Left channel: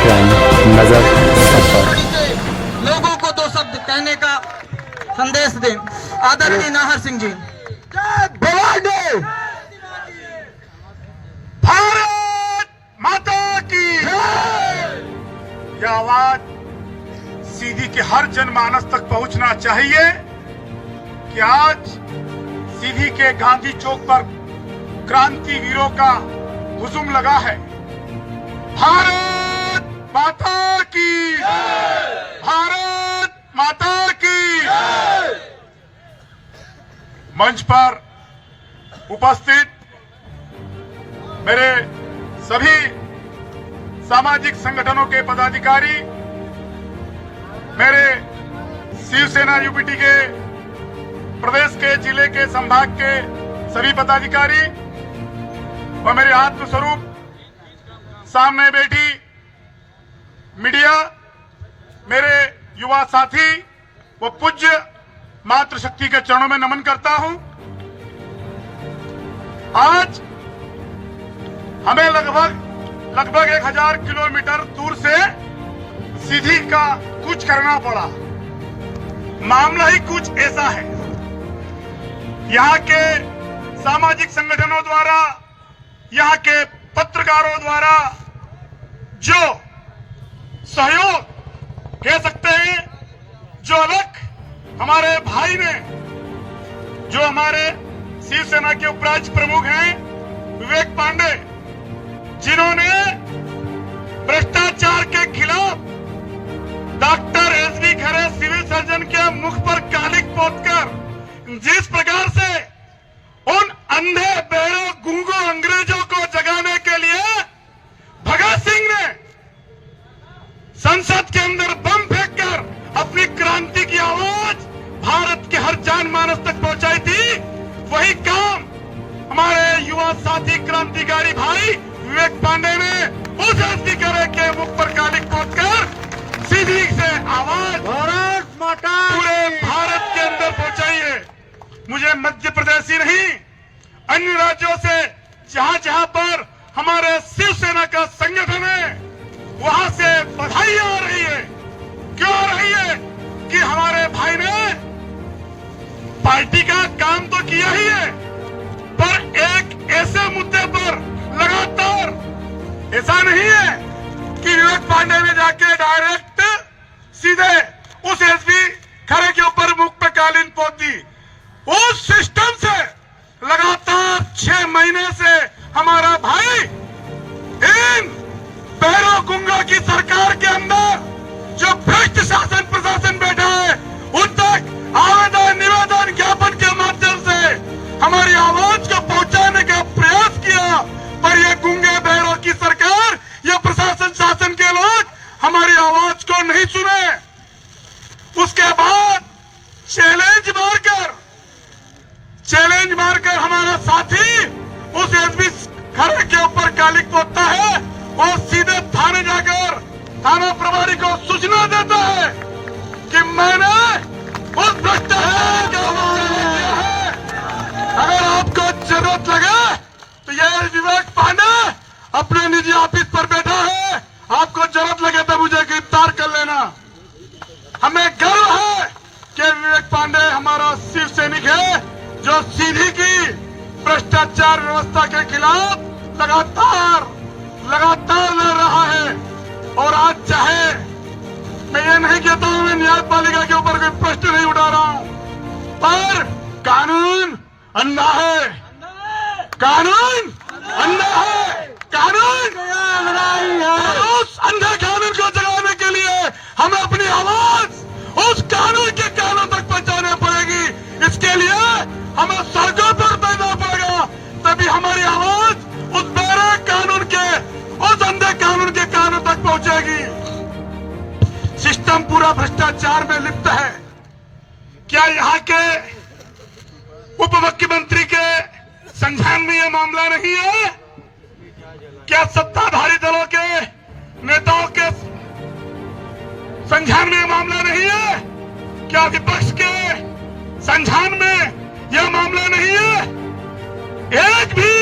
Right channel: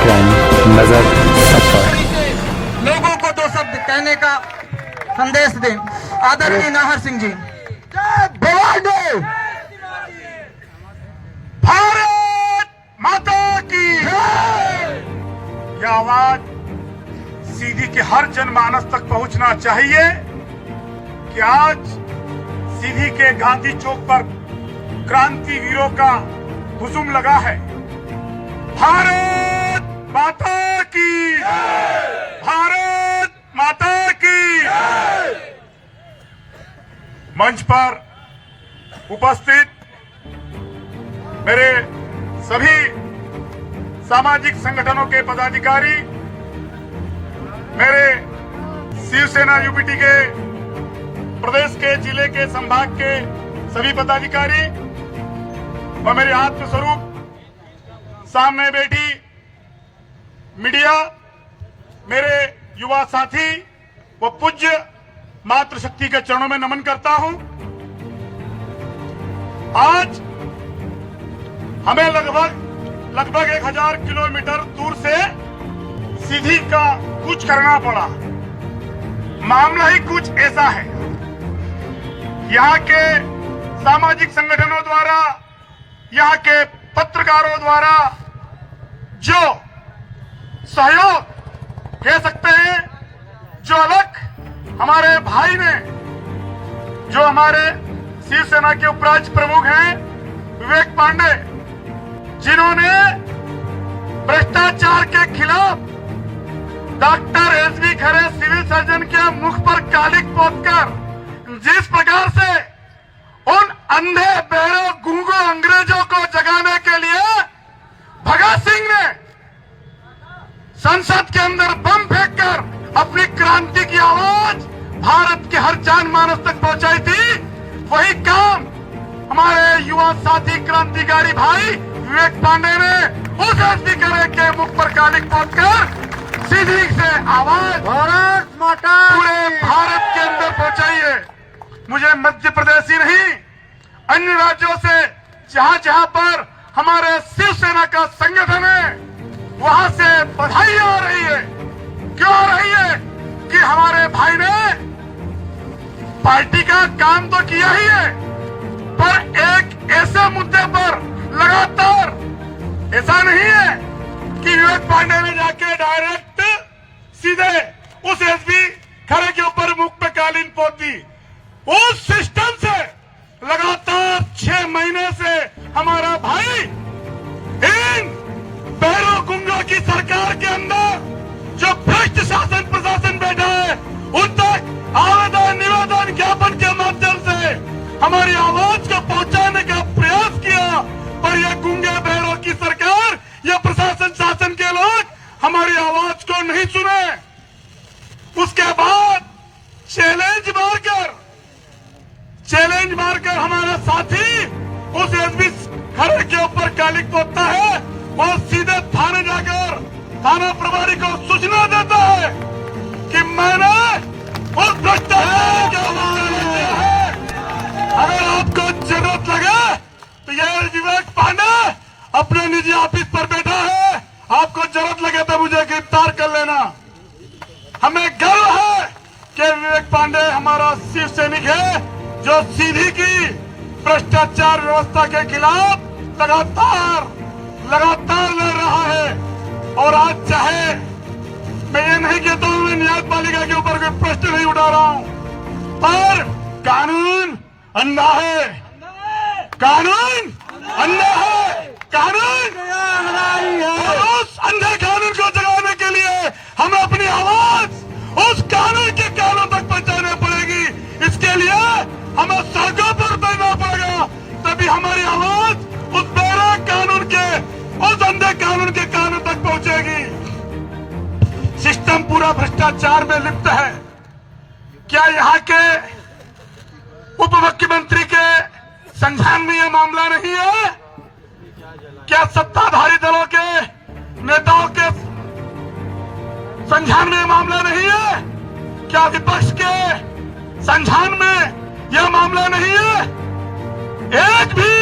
देख रहे हैं नजर सब पर। लोगों को दो शब्द कहने का संदेश दें। आदरणीय नाहर सिंह जी। भवानी भारत माता की यह आवाज सीधी के हर जनमानस तक पहुंचना चाहिए कि आज सीधी के गांधी चौक पर क्रांति वीरों का हुजूम लगा है। भारत माता की, भारत माता की। मंच पर उपस्थित मेरे सभी सामाजिक संगठनों के पदाधिकारी, मेरे शिवसेना यूपीटी के प्रदेश के, जिले के, संभाग के सभी पदाधिकारी व मेरे आत्मस्वरूप सामने बैठी मीडिया, मेरे युवा साथी व पूज्य मातृशक्ति के चरणों में नमन करता हूं। आज हमें लगभग 1000 किलोमीटर दूर से सीधी का कुछ करना पड़ा। मामला ही कुछ ऐसा है। यहाँ के सामाजिक संगठनों द्वारा, यहाँ के पत्रकारों द्वारा जो सहयोग कह सकते हैं, जो अलग हमारे भाई ने, जो हमारे शिवसेना के उपराज्य प्रमुख हैं विवेक पांडे, जिन्होंने भ्रष्टाचार के खिलाफ डॉक्टर एसबी खरे सिविल सर्जन के मुख पर कालिक पोतकर जिस प्रकार से उन अंधे बहरे गूंगो अंग्रेजों को जगाने के लिए भगत सिंह ने संसद के अंदर बम फेंककर अपनी क्रांति की आवाज भारत के हर जनमानस तक पहुंचाई थी, वही काम हमारे युवा साथी क्रांतिकारी भाई विवेक पांडे ने उस एसबी खरे के मुख पर कालिक पोतकर सीधी से आवाज भारत माता पूरे भारत के अंदर पहुंचाई है। मुझे मध्य प्रदेश ही नहीं, अन्य राज्यों से जहां जहां पर हमारे शिवसेना का संगठन है, वहां से बधाई आ रही है। क्यों आ रही है? कि हमारे भाई ने पार्टी का काम तो किया ही है, पर एक ऐसे मुद्दे पर लगातार, ऐसा नहीं है कि विवेक पांडे ने जाके डायरेक्ट सीधे उस एसबी खरे के ऊपर मुख पे कालीन पोत दी। उस सिस्टम से लगातार 6 महीने से हमारा भाई इन बहरों गुंगा की सरकार के अंदर जो भ्रष्ट शासन प्रशासन बैठा है, उन तक आवेदन निवेदन ज्ञापन के माध्यम से हमारी आवाज को पहुंचाने का प्रयास किया, पर यह गुंगे बहरों की सरकार, यह प्रशासन शासन के लोग हमारी आवाज को नहीं सुने। उसके बाद चैलेंज मारकर हमारा साथी उस एसबी खरे के ऊपर कालिक पोतता है, वो सीधे थाने जाकर थाना प्रभारी को सूचना देता है कि मैंने उस भ्रष्टाचार के हवाले किया है। अगर आपको जरूरत लगे तो यह विवेक पांडे अपने निजी ऑफिस पर बैठा है, आपको जरूरत लगे तो मुझे गिरफ्तार कर लेना। हमें गर्व है कि विवेक पांडे हमारा शिव सैनिक है, जो सीधी की भ्रष्टाचार व्यवस्था के खिलाफ लगातार लड़ रहा है। और आज चाहे मैं ये नहीं कहता हूं मैं न्यायपालिका के ऊपर कोई प्रश्न नहीं उठा रहा हूं, पर कानून अंधा है, कानून अंधा है, कानून उस अंधे कानून को जगाने के लिए हमें अपनी आवाज उस कानून के कानों तक पहुंचानी पड़ेगी। इसके लिए हमें सड़कों पर उतरना पड़ेगा, तभी हमारी आवाज उस बड़े कानून के, उस अंधे कानून के कानों तक पहुंचेगी। सिस्टम पूरा भ्रष्टाचार में लिप्त है। क्या यहाँ के उप मुख्यमंत्री के संज्ञान में यह मामला नहीं है? क्या सत्ताधारी दलों के नेताओं के संज्ञान में यह मामला नहीं है? क्या विपक्ष के संज्ञान में यह मामला नहीं है? एक भी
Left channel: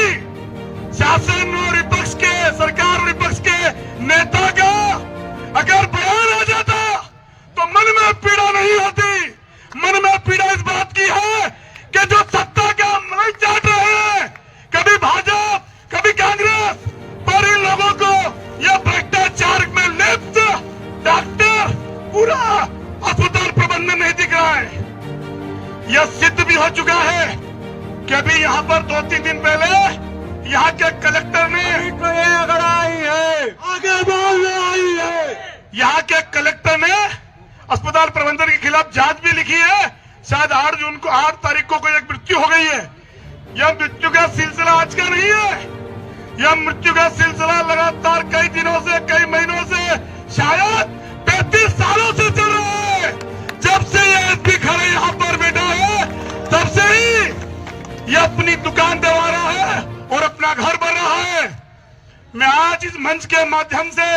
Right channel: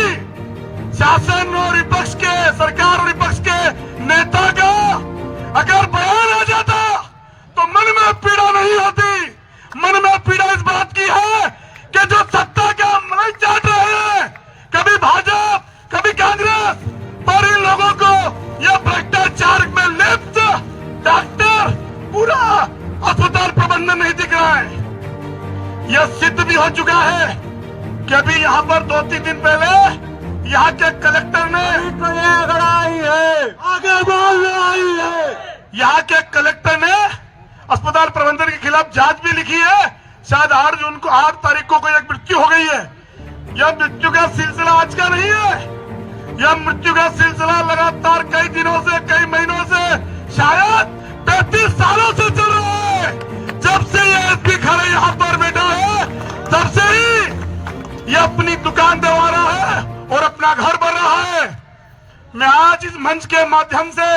शासन और विपक्ष के, सरकार और विपक्ष के नेता का में पीड़ा नहीं होती, मन में पीड़ा इस बात की है कि जो सत्ता का मलाई चाट रहे हैं, कभी भाजपा कभी कांग्रेस, पर इन लोगों को यह भ्रष्टाचार में लिप्त डॉक्टर पूरा अस्पताल प्रबंधन नहीं दिख रहा है। यह सिद्ध भी हो चुका है कि अभी यहाँ पर 2-3 दिन पहले यहाँ के कलेक्टर ने आई है, आगे बोल आई है। यहाँ के कलेक्टर ने अस्पताल प्रबंधन के खिलाफ जांच भी लिखी है। शायद 8 तारीख को कोई एक मृत्यु हो गई है। यह मृत्यु का सिलसिला आज का नहीं है, यह मृत्यु का सिलसिला लगातार कई दिनों से, कई महीनों से, शायद 35 सालों से चल रहा है। जब से ये एसपी खड़े यहाँ पर बैठा है, तब से ही ये अपनी दुकान दबा रहा है और अपना घर बन रहा है। मैं आज इस मंच के माध्यम से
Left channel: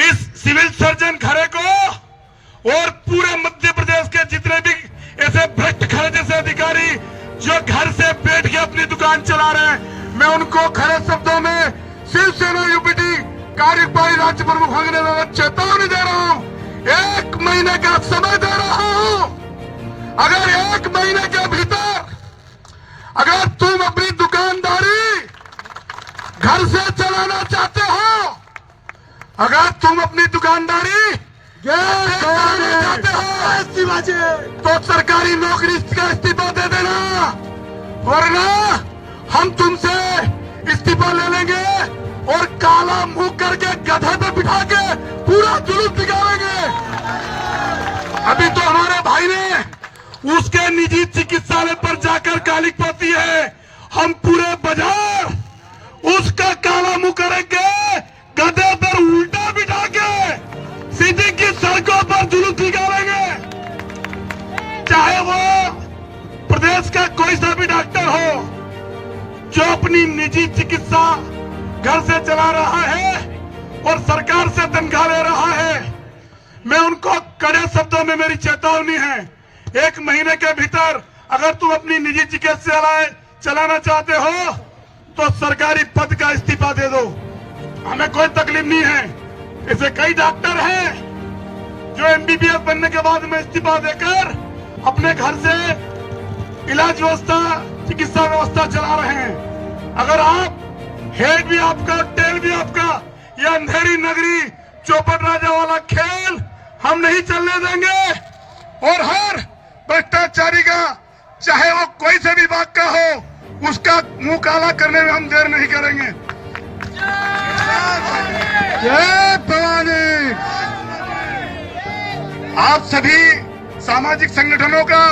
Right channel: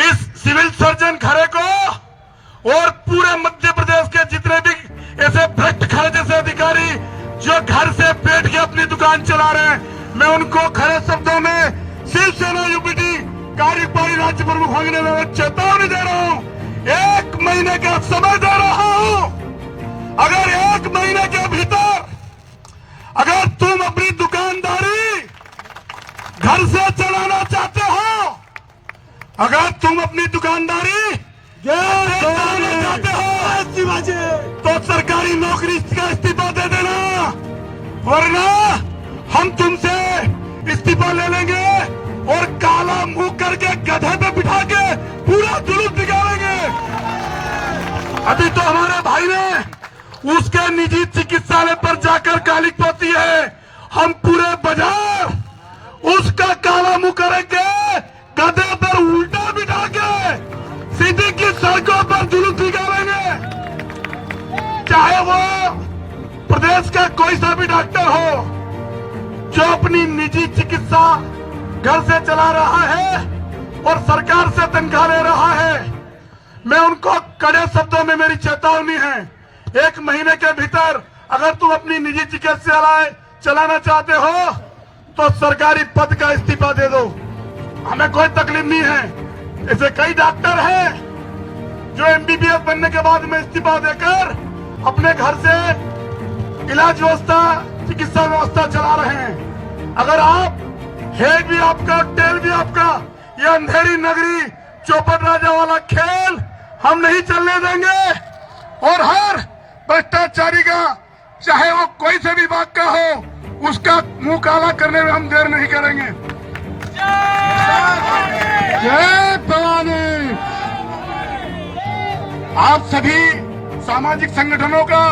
इस सिविल सर्जन खरे को और पूरे मध्य प्रदेश के जितने भी ऐसे भ्रष्ट खरे जैसे अधिकारी जो घर से बैठ के अपनी दुकान चला रहे हैं, मैं उनको खरे शब्दों में शिवसेना यूपीटी कार्यपालिका राज्य प्रमुख होने में चेतावनी दे रहा हूं। 1 महीने का समय दे रहा हूं। अगर 1 महीने के भीतर अगर तुम अपनी दुकानदारी घर से चलाना चाहते हो, अगर तुम अपनी दुकानदारी चलाना चाहते हो, तो सरकारी नौकरी का इस्तीफा दे देना, वरना हम तुमसे इस्तीफा ले लेंगे और काला मुंह करके गधे पे बिठा के पूरा जुलूस निकालेंगे। अभी तो हमारे भाई ने उसके निजी चिकित्सालय पर जाकर गाली पाती है, हम पूरे बाजार उसका काला मुंह करेंगे, गधे पर उल्टा बिठा के सीधी की सड़कों पर जुलूस निकालेंगे। चाहे वो प्रदेश का कोई सा भी डॉक्टर हो जो अपनी निजी चिकित्सा घर से चला रहा है और सरकार से तनख्वाह ले रहा है, मैं उनको कड़े शब्दों में मेरी चेतावनी है। 1 महीने के भीतर अगर तुम अपनी निजी चिकित्सा चलाना चाहते हो तो सरकारी पद का इस्तीफा दे दो, हमें कोई तकलीफ नहीं है। ऐसे कई डॉक्टर हैं जो एमबीबीएस बनने के बाद में इस्तीफा देकर अपने घर से इलाज व्यवस्था, चिकित्सा व्यवस्था चला रहे हैं। अगर आप हेड भी आपका, टेल भी आपका, ये अंधेरी नगरी चौपट राजा वाला खेल हम नहीं चलने देंगे। और हर भ्रष्टाचारी का, चाहे वो कोई से भी बात का हो, उसका मुंह काला करने में हम देर नहीं करेंगे। जय भवानी। आप सभी सामाजिक संगठनों का,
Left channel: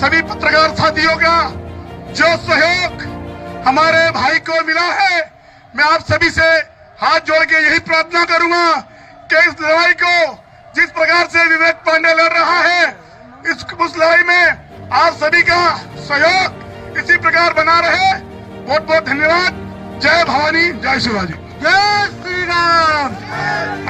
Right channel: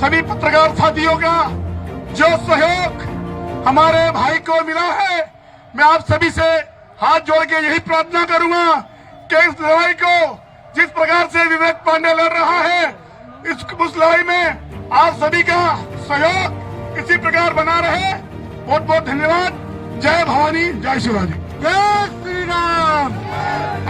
सभी पत्रकार साथियों का जो सहयोग हमारे भाई को मिला है, मैं आप सभी से हाथ जोड़ के यही प्रार्थना करूंगा कि इस लड़ाई को जिस प्रकार से विवेक पांडे लड़ रहा है, उस लड़ाई में आप सभी का सहयोग इसी प्रकार बना रहे। बहुत बहुत धन्यवाद। जय भवानी, जय शिवाजी, जय श्री राम,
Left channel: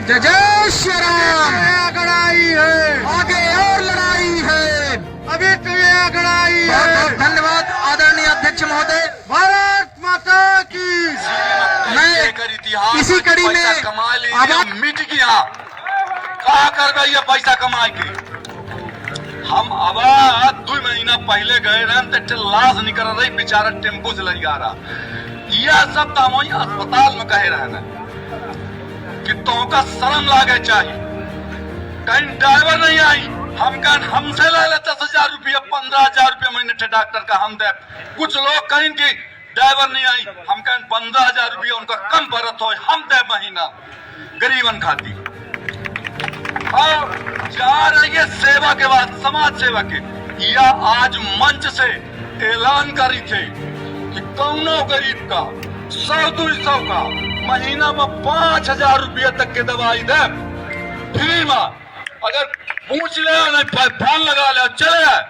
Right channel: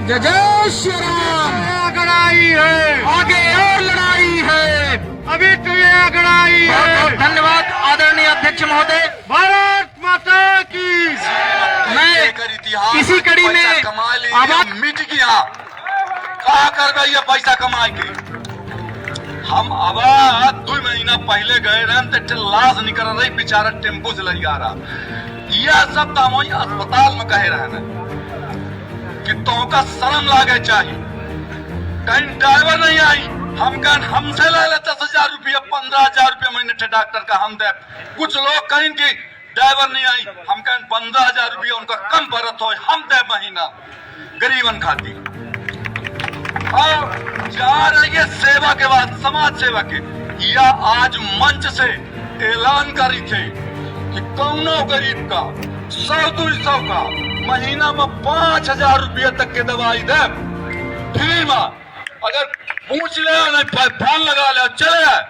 जय जय श्री राम। लड़ाई है, आगे और लड़ाई है, अभी तो ये लड़ाई है। बहुत बहुत धन्यवाद आदरणीय अध्यक्ष महोदय। भारत माता की। इसी कड़ी में कमा लीजिए, मिट गया, कहा कर गई है पैसा कमा के। हम अब 2 महीना पहले गए रहे तो लाश निकल रही, बेचारा टेम्पो से लग रहा। यह सब तो हम वही अस्पताल में कहे रहे ना कि तुमका शर्म लागे चाहिए। कहीं ड्राइवर नहीं आई, हम कहें हमसे ले ले 10,000 रुपया, 15,000 रुपया महीने थे डॉक्टर का हम दे। कुछ लोग कहें कि ड्राइवर नहीं आई, हम कहें 15,000 रुपया उनका कम भरत हो, हम दे महीना गरीबन खाती। और जा रही है सेवा के बाद, समाज सेवा के। यह आज मंच से ऐलान करी थे कि कौनो गरीब का 100-200 का महीना में 5,000 रुपया तक के दवाई दे फ्री में। अगर पूछ ले नहीं, फोन लगा ले, चले जाए।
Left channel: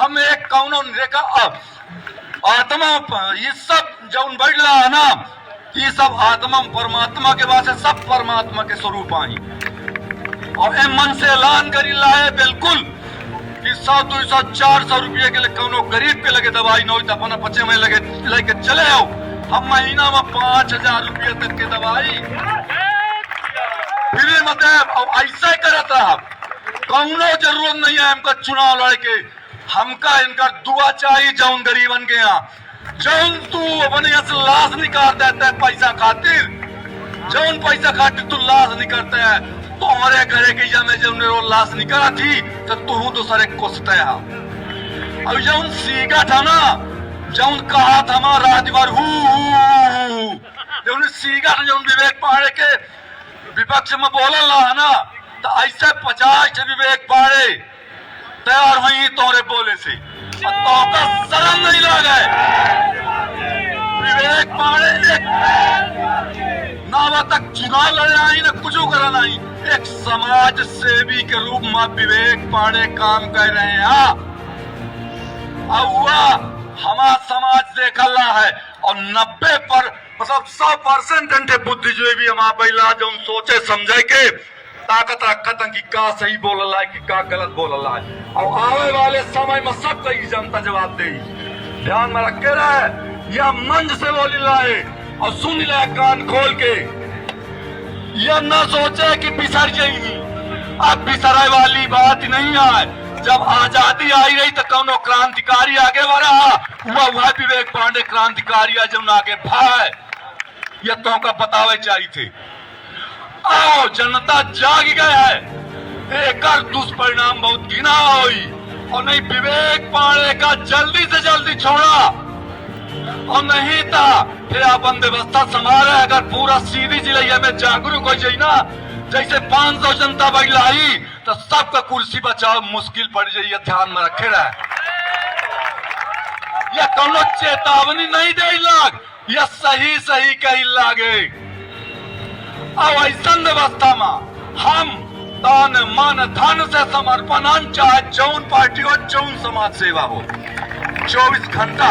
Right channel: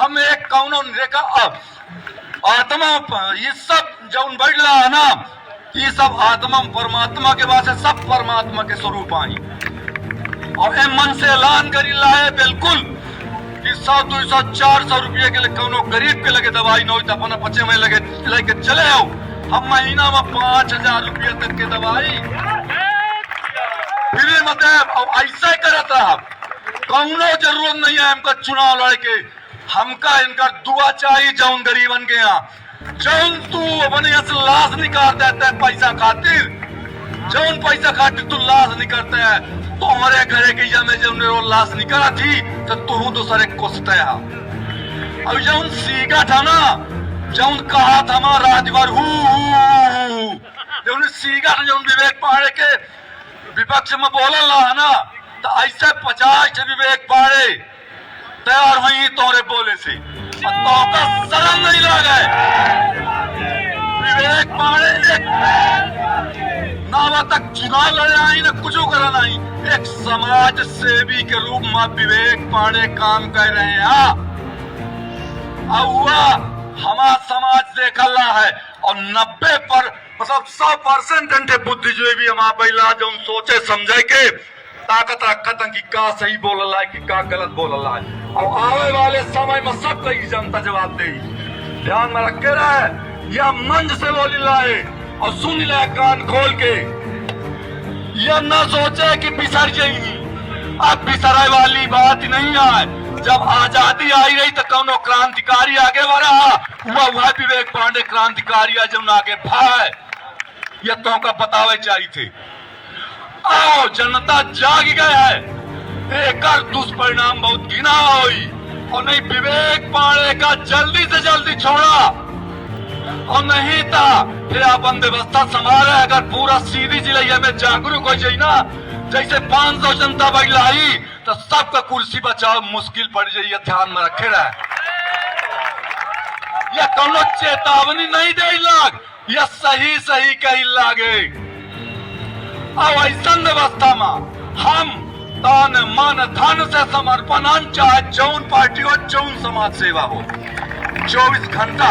हम एक कौनो रेखा अब आत्मा, ये सब जो बढ़ रहा है ना, ये सब आत्मा परमात्मा के वास्ते, सब परमात्मा के स्वरूप आई। और मन से ऐलान करी लाए बिल्कुल कि 100-200 400 रुपये के लिए कौनो गरीब के लगे दवाई न हो तो अपना बच्चे में लगे लेके चले आओ। हम महीना में 5,000 रुपये तक के दवाई फ्री में दे। और ऐसा ही करता कौनो जरूरत नहीं है हमका चुनाव लड़के, हमका इनका दुआ चाहिए जौन गरीबन के यहाँ। जौन तू अपने यहाँ से लाश निकाल देता है पैसा खातिर, जौन पैसा खातिर तू लाश निकलता है, तो हमारे घरे के या में जौन वो लाश निकला थी तो तू दूसरे कोसते है। अब जौन सीगा था ना, जौन कहा था हमारा राजभर जौन सीगा था, जौन विवेक पांडे के विपक्ष में बोला ना है ना, तो ऐसे 50 विवेक पांडे तैयार हुई तोरे बोले से, और तो का शर्म नहीं लगे। विवेक पांडे ना तक चुनाव लड़े आई ना कुछ करा नहीं, एक समाज सेवी के रूप में विवेक पांडे काम कर रहे हैं। हुआ हमारा समाज देखला है, और 90 पर मतलब 100% बुद्धिजीवी हमारा बैला जो सोचे समझे के ताकत रखत कि का सही बोलला है कि का गलत बोलला है, और आने वाले समय में सब कई जनता जवाब दे। ध्यान में रखे रहे, यह मंच से बोली लाए और सुन ले कान खोल के, यह न सोचे कि बिसर जाएगी। अब बिसरे वाली बात नहीं है। जब आजादी आई रही तो कौनो क्रांतिकारी आगे बढ़ा, हुआ विवेक पांडे क्रांतिकारी है जो आगे भाई, यह तो का बतावे चाहिए थे। आओ जनता जाग गया है, एक दुष्परिणाम बहुत घिना हुई, और नहीं विवेक पांडे का जल्दी से जल्दी छोड़ा, और नहीं था फिर अपन व्यवस्था संभाले। अगर पूरा सीधी जिले में जागरूक हो जाए ना, जैसे 500 जनता बैलाई तो सबका कुर्सी बचाओ मुश्किल पड़ जाइए। ध्यान में रखे रहे, यह कौनो चेतावनी नहीं दे लाग, यह सही सही कही लागे। अब ऐसा व्यवस्था में हम तन मन धन से समर्पण, चाहे जौन पार्टी हो जौन समाज सेवा हो, 24 घंटा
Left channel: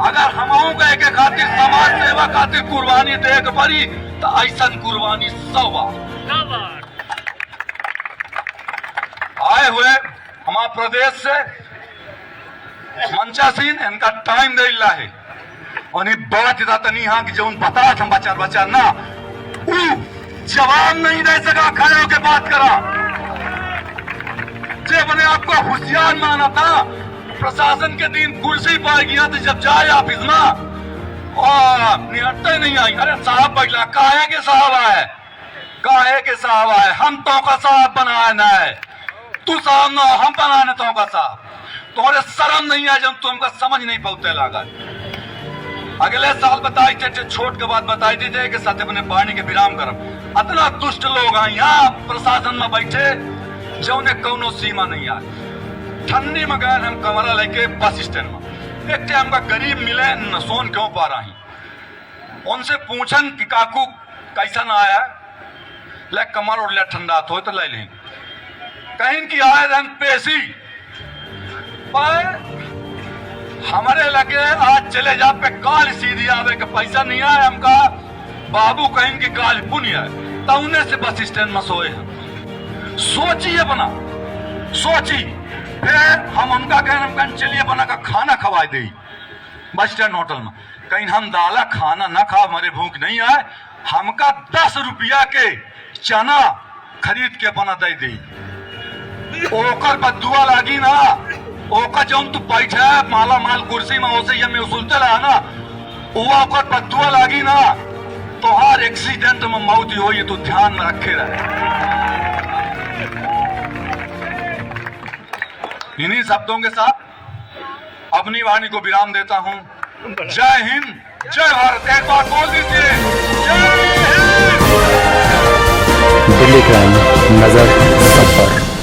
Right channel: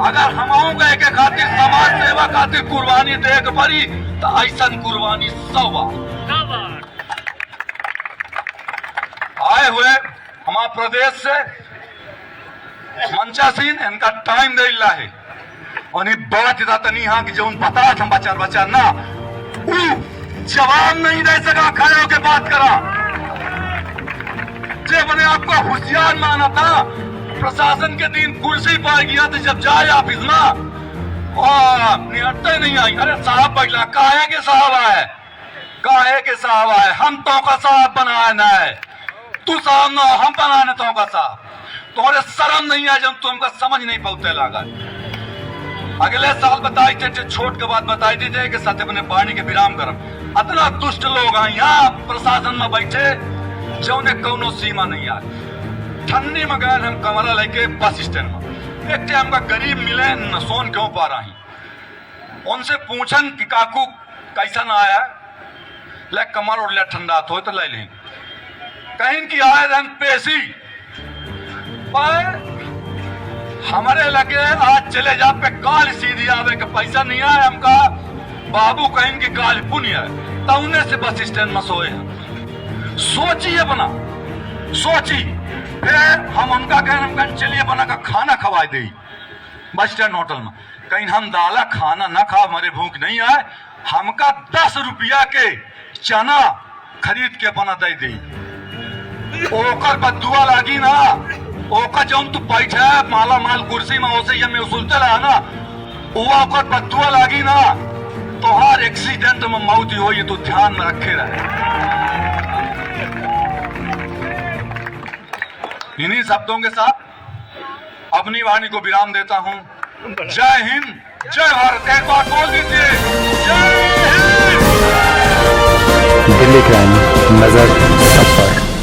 अगर हम गए के खातिर समाज सेवा खातिर कुर्बानी दे के पड़ी तो ऐसा कुर्बानी 100 बार आए हुए हमारे प्रदेश से मंचासीन इनका टाइम दे ला है, और बात नहीं हाँ कि जो बता हम बचा ना जवाब नहीं दे सका, खड़े होकर बात करा। जब मैंने आपको होशियार माना था, प्रशासन के दिन कुर्सी पर गया तो जब जाए ऑफिस में और निहटते नहीं आई, अरे साहब बैठला काहे के साहब आए, काहे के साहब आए, हम तो का साहब बनाए ना है, तू साहब ना हम बनाने तो का साहब, तुम्हारे शर्म नहीं आए जब तुमका समझ नहीं पहुंचे लगा। अगले साल बताई थे छोट के बाद बताई थे कि सत्य बने पानी के विराम करम, इतना दुष्ट लोग हैं यहाँ प्रशासन में बैठे जो ने कौनो सीमा नहीं आए। ठंडी में गए हम कमरा लेके बस स्टैंड में, एक टाइम का गरीब मिले न सोन क्यों पा रही, उनसे पूछन कि काकू कैसा ना आया, ले कमर और ले ठंडा तो ले लें, कहीं की आए रंग पेशी पर हमारे लगे आज चले जा पे काल सीधी आवे के पैसा नहीं आए, हमका बाबू कहीं की काल पुण्य है, तौने से बस स्टैंड में सोए हैं। सोचिए बना सोची, फिर हम उनका कहना चलिए बना का खाना खवाए दे बस स्टैंड होटल में, कहीं हम दाला खाना ना खा, हमारे भूख नहीं आए, हमका 10 रुपया के चना खरीद के बना दे दी, ओकर बदुआ लागी ना, ओकर जौन तू बैठे माला माल कुर्सी में ओसे ये में उसूलते रहा ना, हुआ ओकर बदुआ लागी ना, तो हर एक्सीडेंट में मौत हो, ये तो ध्यान में रखे रहे। इन्हीं शब्दों के साथ अपनी वाणी को विराम देता हूं। जय हिंद, जय भारत। एक बार बोल दीजिए, जय हिंद। दिल्ली क्राइम, नजर सब पर।